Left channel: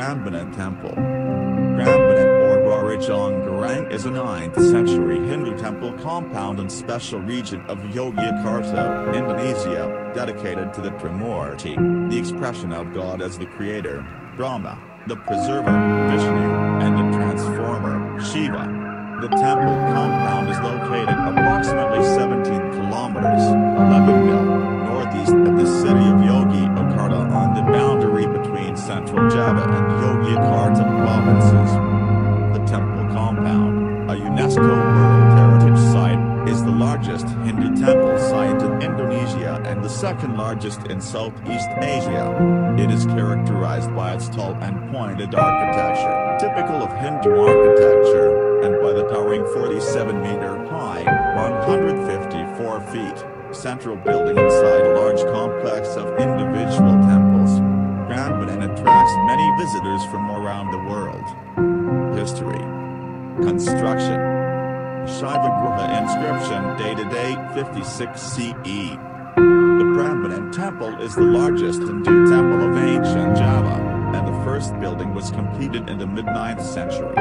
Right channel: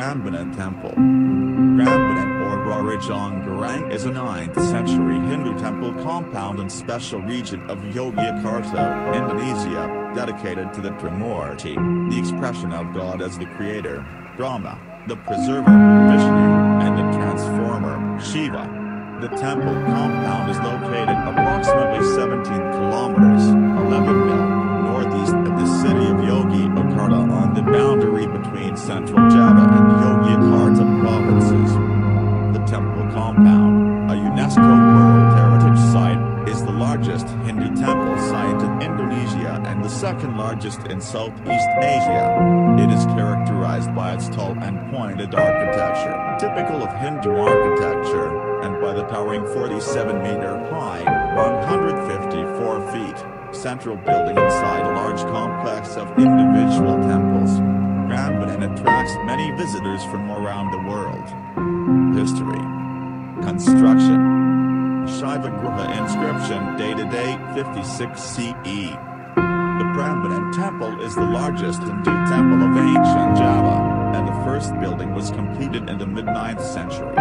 Prambanan Temple. Prambanan or Rarajangarang is a 9th century Hindu temple compound and special region of Yogyakarta, Indonesia, dedicated to the Trimurti, the expression of God as the creator, Brahma, the preserver, Vishnu, and the transformer, Shiva. The temple compound is located approximately 17 kilometers, 11 mil, northeast of the city of Yogyakarta on the boundary between Central Java and Yogyakarta provinces. The temple compound, a UNESCO World Heritage Site, is the largest Hindu temple site in Indonesia and the second largest in Southeast Asia. It is characterized by its tall and pointed architecture, typical of Hindu architecture, and by the towering 47-meter-high, 154-feet, central building inside a large complex of individual temples. Prambanan attracts many visitors from around the world. History. Construction. Shivagrha inscription dated 856 CE. The Prambanan Temple is the largest Hindu temple of ancient Java, and the first building was completed in the mid-9th century.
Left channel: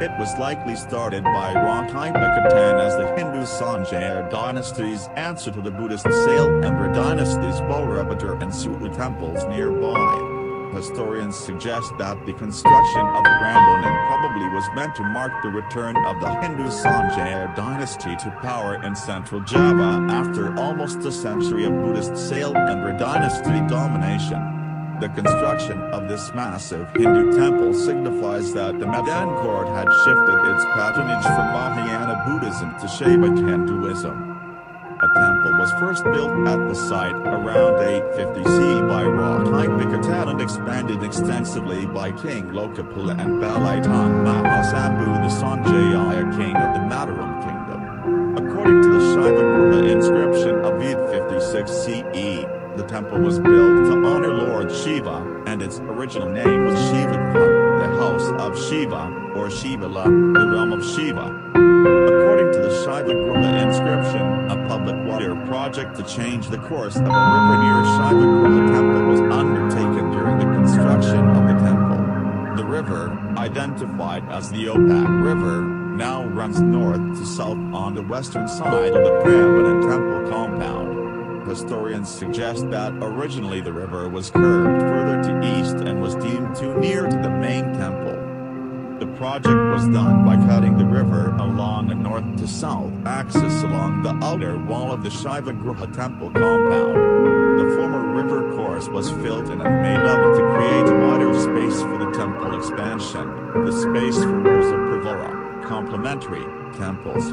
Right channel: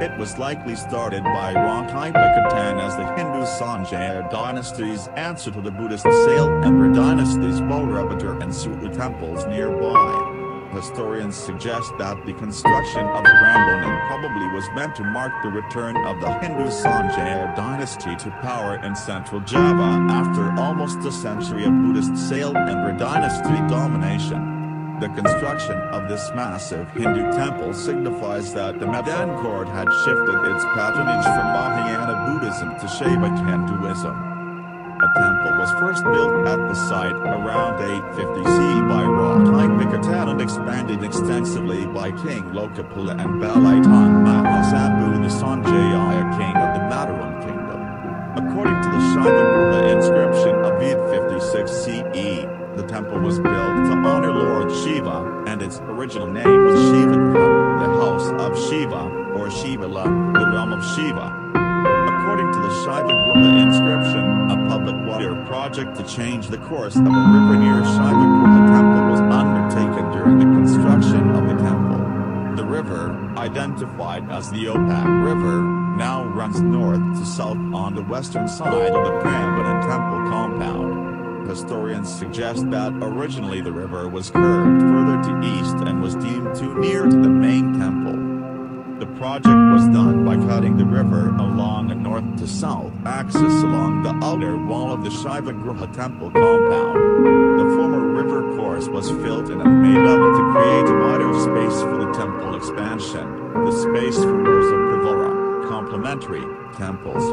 It was likely started by Rakhipakhatan as the Hindu Sanjaya dynasty's answer to the Buddhist Sailendra dynasty's Bodhibatra and Sutta temples nearby. Historians suggest that the construction of Prambanan probably was meant to mark the return of the Hindu Sanjaya dynasty to power in central Java after almost a century of Buddhist Sailendra dynasty domination. The construction of this massive Hindu temple signifies that the Madan court had shifted its patronage from Mahayana Buddhism to Shiva Hinduism. A temple was first built at the site around 850 CE by Rakhipakhatan and expanded extensively by King Lokapala and Balitung Mahasambu the Sanjaya king of the Mataram kingdom. According to the Shivagrha inscription of 856 CE, the temple was built to honor Lord Shiva, and its original name was Shivagrha, the house of Shiva, or Shivala, the realm of Shiva. According to the Shivagrha inscription, a public water project to change the course of a river near Shivagrha Temple was undertaken during the construction of the temple. The river, identified as the Opak River, now runs north to south on the western side of the Prambanan Temple compound. Historians suggest that originally the river was curved further to east and was deemed too near to the main temple. The project was done by cutting the river along a north to south axis along the outer wall of the Shivagrha Temple compound. The former river course was filled in and made level to create a wider space for the temple expansion, the space for rows of pervara, complementary temples.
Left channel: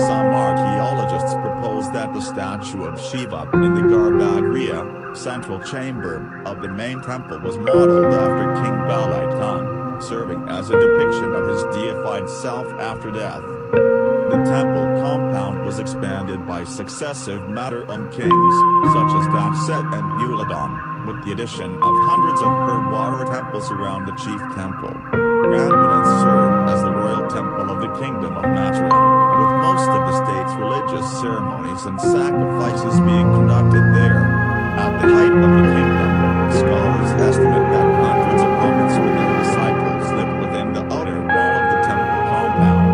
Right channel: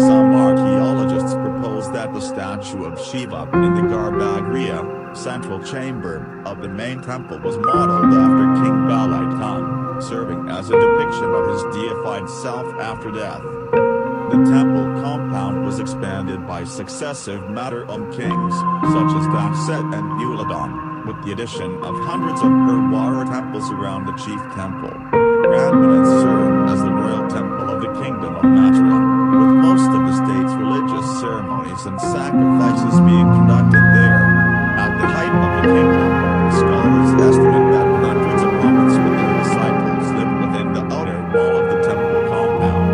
Some archaeologists propose that the statue of Shiva in the garbhagriha, central chamber, of the main temple was modeled after King Balitung, serving as a depiction of his deified self after death. The temple compound was expanded by successive Mataram kings, such as Daksa and Tulodong, with the addition of hundreds of perwara temples around the chief temple. Prambanan served as the royal temple of the Kingdom of Mataram, with most of the state's religious ceremonies and sacrifices being conducted there. At the height of the kingdom, scholars estimate that hundreds of monks with their disciples lived within the outer wall of the temple compound.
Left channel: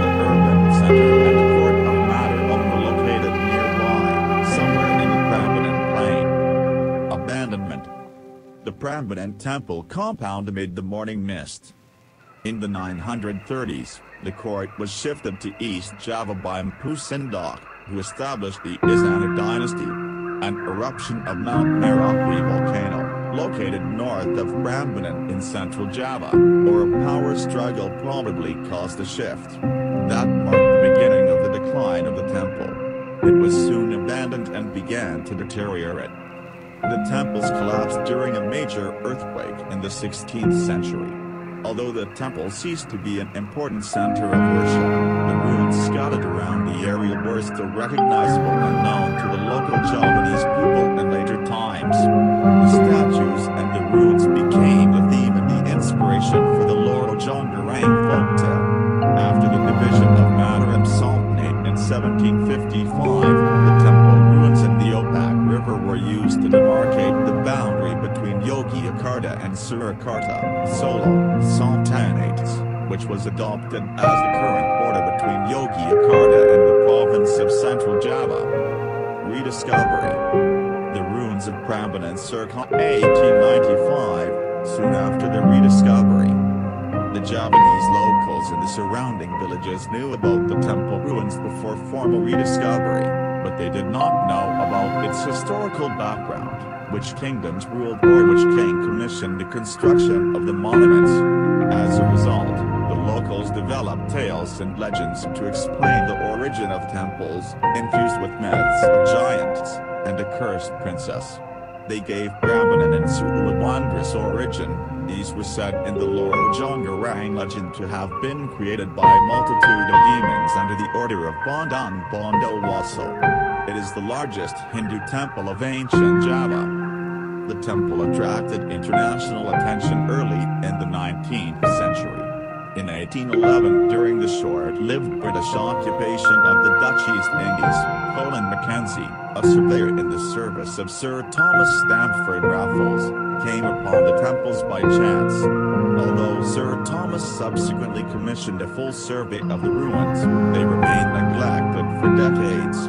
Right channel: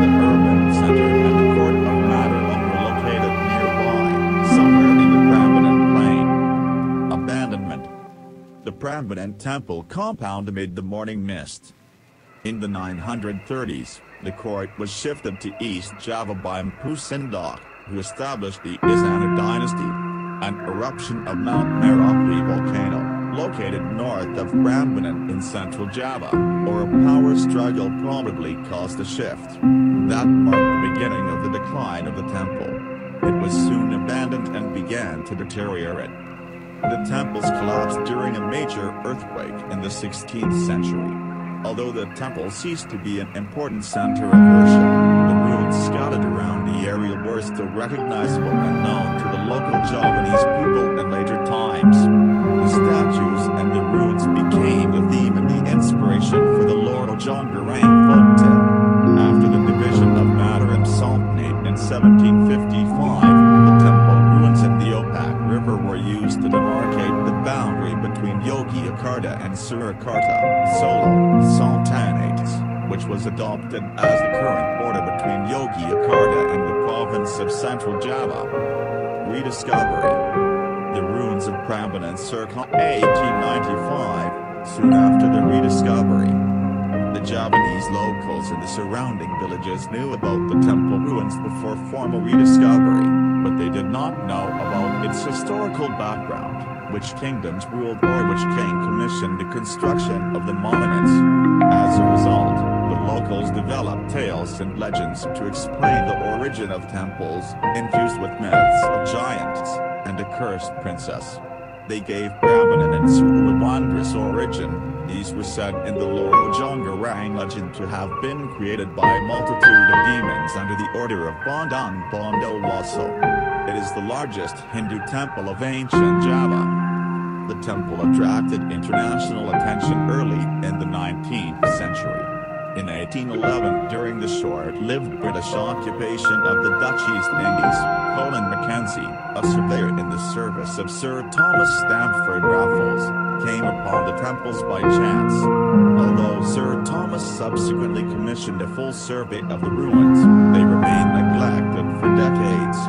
The urban center and the court of Mataram were located nearby, somewhere in the Prambanan Plain. Abandonment. The Prambanan Temple compound amid the morning mist. In the 930s, the court was shifted to East Java by Mpu Sindok, who established the Izana dynasty. An eruption of Mount Merapi volcano, located north of Prambanan in central Java, or a power struggle probably caused the shift. That marked the beginning of the decline of the temple. It was soon abandoned and began to deteriorate. The temples collapsed during a major earthquake in the 16th century. Although the temple ceased to be an important center of worship, the ruins scattered around the area were still recognizable and known to the local Javanese people in later times. The statues and the ruins became the theme and the inspiration for the Lord Jongarang folktale. After the division of Mataram Sultanate in 1755, the temple ruins and the Opak River were used to demarcate the boundary between Yogyakarta and Surakarta, Solo, Sultanates, which was adopted as the current border between Yogyakarta and the province of Central Java. Rediscovery. The ruins of Prambanan circa 1895, soon after the rediscovery. The Javanese locals in the surrounding villages knew about the temple ruins before formal rediscovery, but they did not know about its historical background, which kingdoms ruled or which king commissioned the construction of the monuments. As a result, the locals developed tales and legends to explain the origin of temples, infused with myths of giants and a cursed princess. They gave Prambanan and Sulu a wondrous origin. These were said in the Loro Jongarang legend to have been created by a multitude of demons under the order of Bondan Bondowoso. It is the largest Hindu temple of ancient Java. The temple attracted international attention early in the 19th century. In 1811, during the short-lived British occupation of the Dutch East Indies, Colin Mackenzie, a surveyor in the service of Sir Thomas Stamford Raffles, came upon the temples by chance. Although Sir Thomas subsequently commissioned a full survey of the ruins, they remained neglected for decades.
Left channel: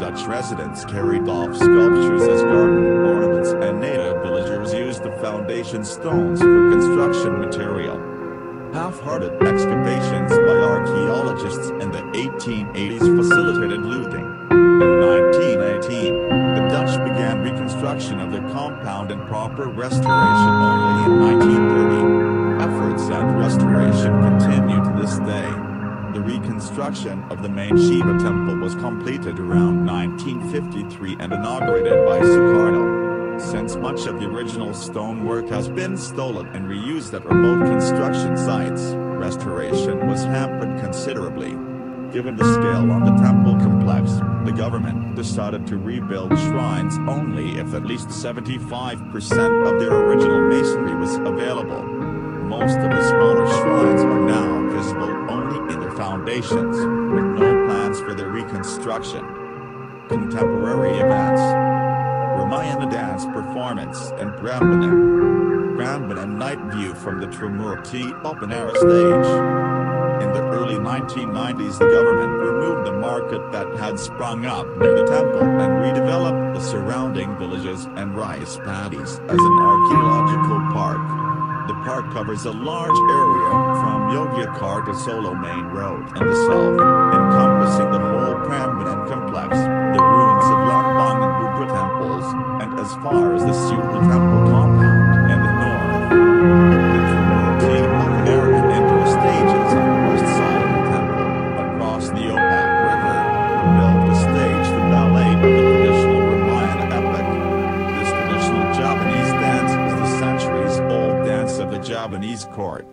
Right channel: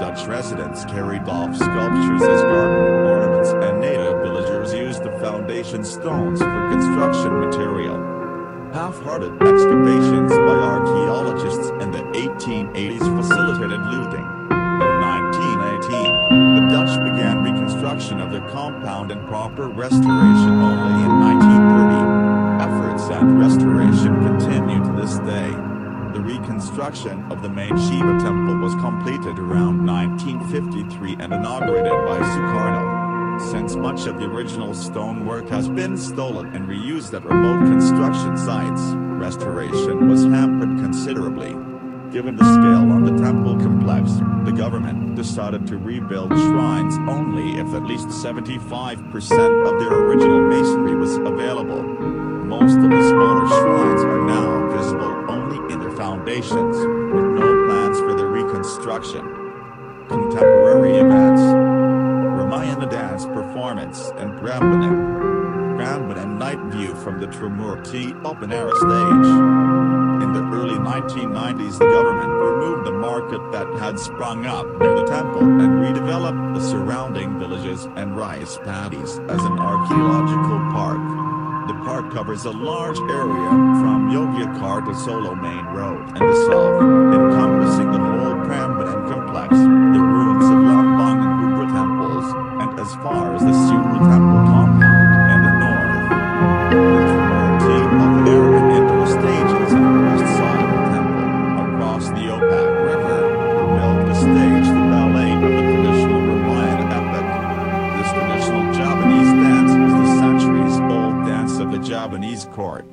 Dutch residents carried off sculptures as garden ornaments, and native villagers used the foundation stones for construction material. Half-hearted excavations by archaeologists in the 1880s facilitated looting. In 1918, the Dutch began reconstruction of the compound and proper restoration only in 1930. Efforts at restoration continue to this day. The reconstruction of the main Shiva temple was completed around 1953 and inaugurated by Sukarno. Since much of the original stonework has been stolen and reused at remote construction sites, restoration was hampered considerably. Given the scale of the temple complex, the government decided to rebuild shrines only if at least 75% of their original masonry was available. Most of the smaller shrines are now visible only in their foundations, with no plans for their reconstruction. Contemporary events. Ramayana dance performance and Prambanan night view from the Trimurti open-air stage. In the early 1990s, the government removed the market that had sprung up near the temple and redeveloped the surrounding villages and rice paddies as an archaeological park. The park covers a large area from Yogyakarta Solo Main Road and the south, encompassing the whole Prambanan complex, the ruins of Lambang and Bubra temples, and as far as the Sulu temple compound in the north. The Trimurti open-air and indoor stages on the west side of the temple, across the Opak River, were built to stage the ballet of the traditional Ramayana epic. This traditional Javanese dance is the centuries-old dance of the Javanese court.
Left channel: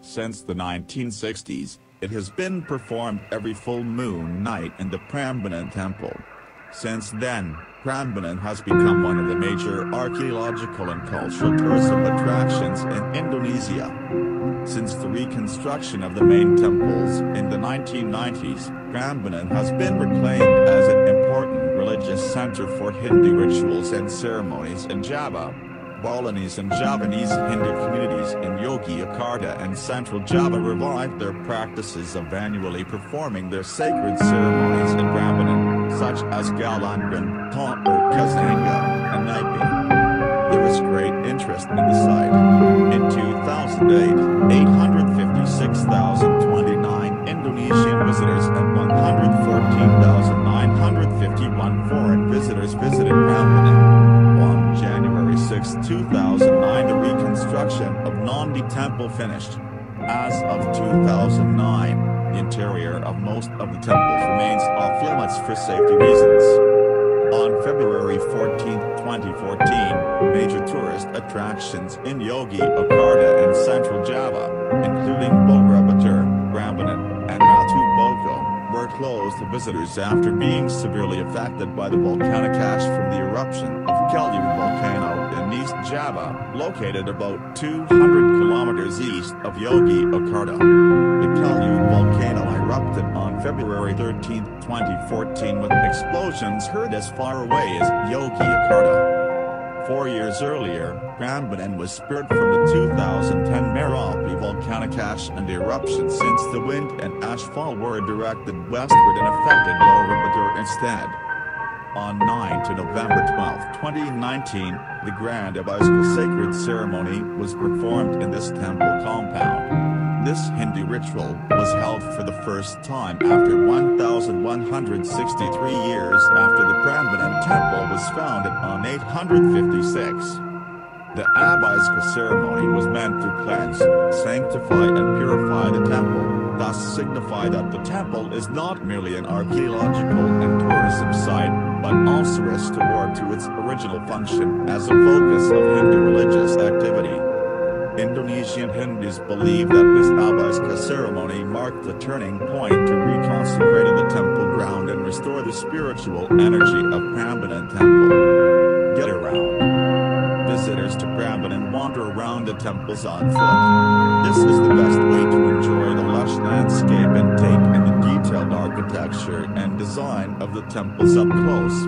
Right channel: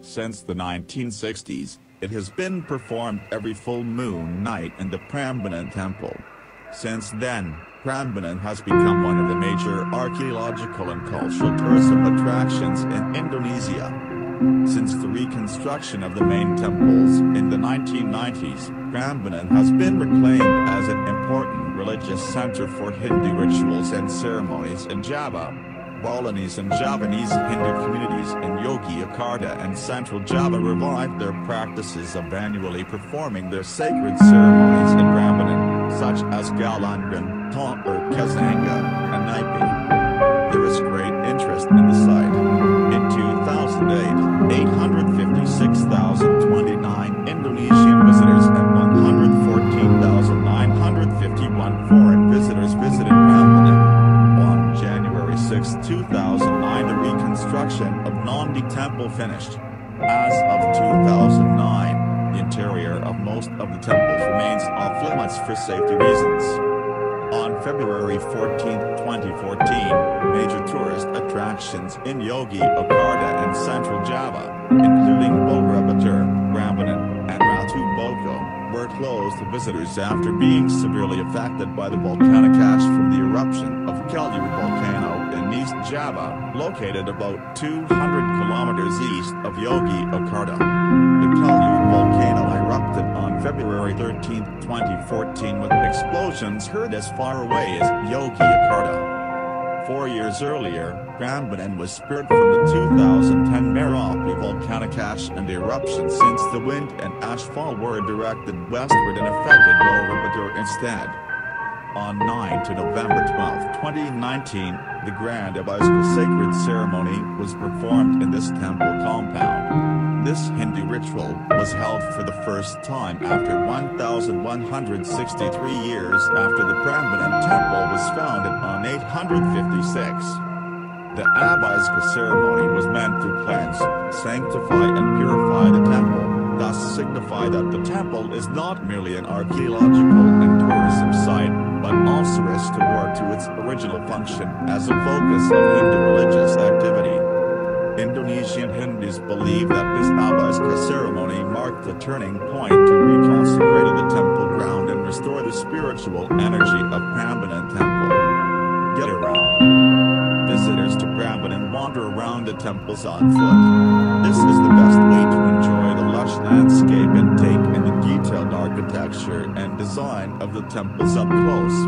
Since the 1960s, it has been performed every full moon night in the Prambanan temple. Since then, Prambanan has become one of the major archaeological and cultural tourism attractions in Indonesia. Since the reconstruction of the main temples in the 1990s, Prambanan has been reclaimed as an important religious center for Hindu rituals and ceremonies in Java. Balinese and Javanese Hindu communities in Yogyakarta and Central Java revived their practices of annually performing their sacred ceremonies in Prambanan, such as Galangan, Tampur Kazanga, and Naipi. There is great interest in the site. In 2008, 856,029 Indonesian visitors and 114,951 foreign visitors visited Prambanan. On January 6, 2009, the reconstruction of Nandi Temple finished. As of 2009, the interior of most of the temples remains off-limits for safety reasons. On February 14, 2014, major tourist attractions in Yogyakarta and Central Java, including Borobudur, Prambanan, and Ratu Boko, were closed to visitors after being severely affected by the volcanic ash from the eruption of Kelyu volcano in East Java, located about 200 kilometers east of Yogyakarta. The Kelyu volcano erupted on February 13, 2014 with explosions heard as far away as Yogyakarta. 4 years earlier, Prambanan was spared from the 2010 Merapi volcanic ash and eruption since the wind and ashfall were directed westward and affected Borobudur instead. On 9 to November 12, 2019, the Grand Abhiska sacred ceremony was performed in this temple compound. This Hindu ritual was held for the first time after 1,163 years after the Prambanan Temple was founded on 856. The Abhiska ceremony was meant to cleanse, sanctify and purify the temple, thus signify that the temple is not merely an archaeological and tourism site, but also restored to its original function as a focus of Hindu religious activity. Indonesian Hindus believe that this Abhiska ceremony marked a turning point to reconsecrate the temple ground and restore the spiritual energy of Prambanan Temple. Get around. Visitors to Prambanan wander around the temples on foot. This is the best way to enjoy the lush landscape and take in the detailed architecture and design of the temples up close.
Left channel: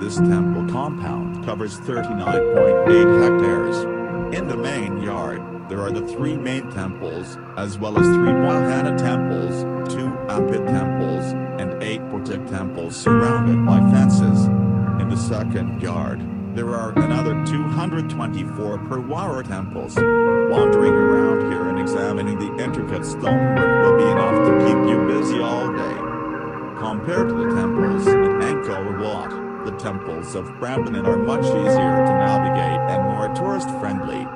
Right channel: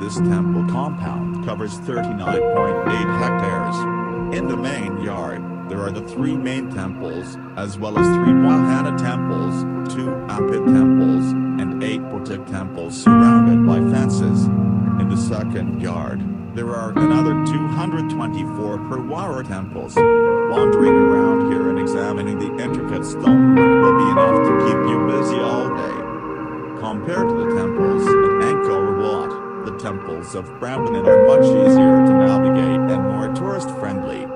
This temple compound covers 39.8 hectares. In the main yard, there are the 3 main temples, as well as 3 Wahana temples, 2 Apit temples, and 8 Potik temples surrounded by fences. In the second yard, there are another 224 perwara temples. Wandering around here and examining the intricate stonework will be enough to keep you busy all day. Compared to the temples at Angkor Wat, the temples of Prambanan are much easier to navigate and more tourist-friendly.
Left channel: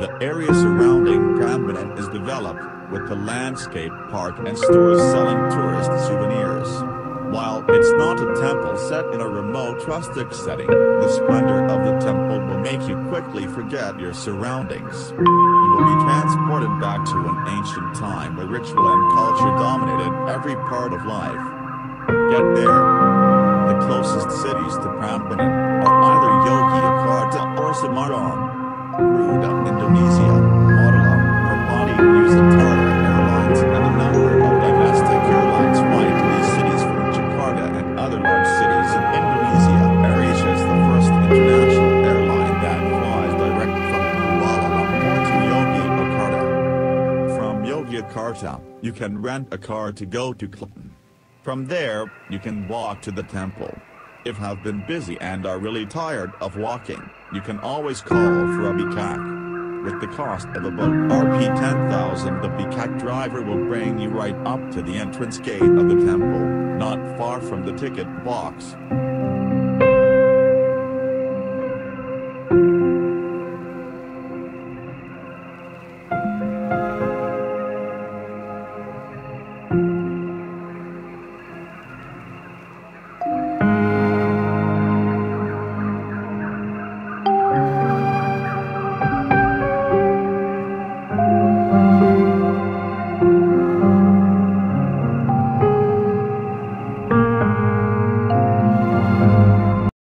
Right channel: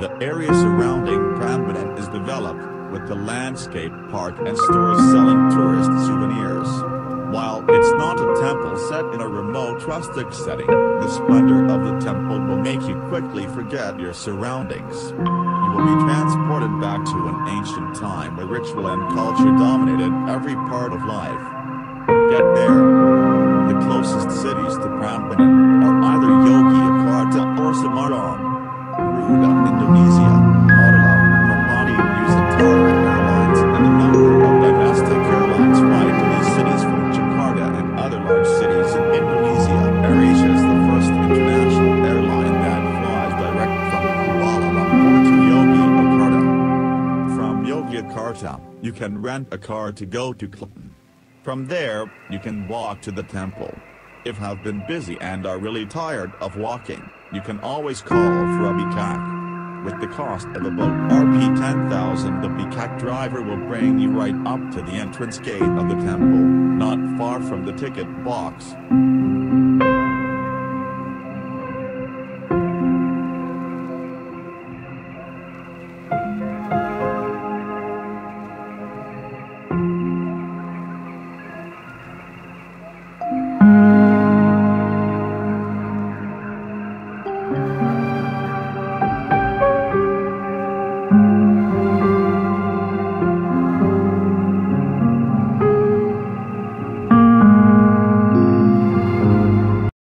The area surrounding Prambanan is developed, with the landscape park and stores selling tourist souvenirs. While it's not a temple set in a remote rustic setting, the splendor of the temple will make you quickly forget your surroundings. You will be transported back to an ancient time where ritual and culture dominated every part of life. Get there. The closest cities to Prambanan are either Yogyakarta or Semarang. Garuda, Indonesia, Mataram, Merpati, Nusantara Airlines and a number of domestic airlines fly to these cities from Jakarta and other large cities in Indonesia. AirAsia is the first international airline that flies direct from Kuala Lumpur to Yogyakarta. From Yogyakarta, you can rent a car to go to Klaten. From there, you can walk to the temple. If you have been busy and are really tired of walking, you can always call for a bikak. With the cost of about Rp 10,000, the bikak driver will bring you right up to the entrance gate of the temple, not far from the ticket box.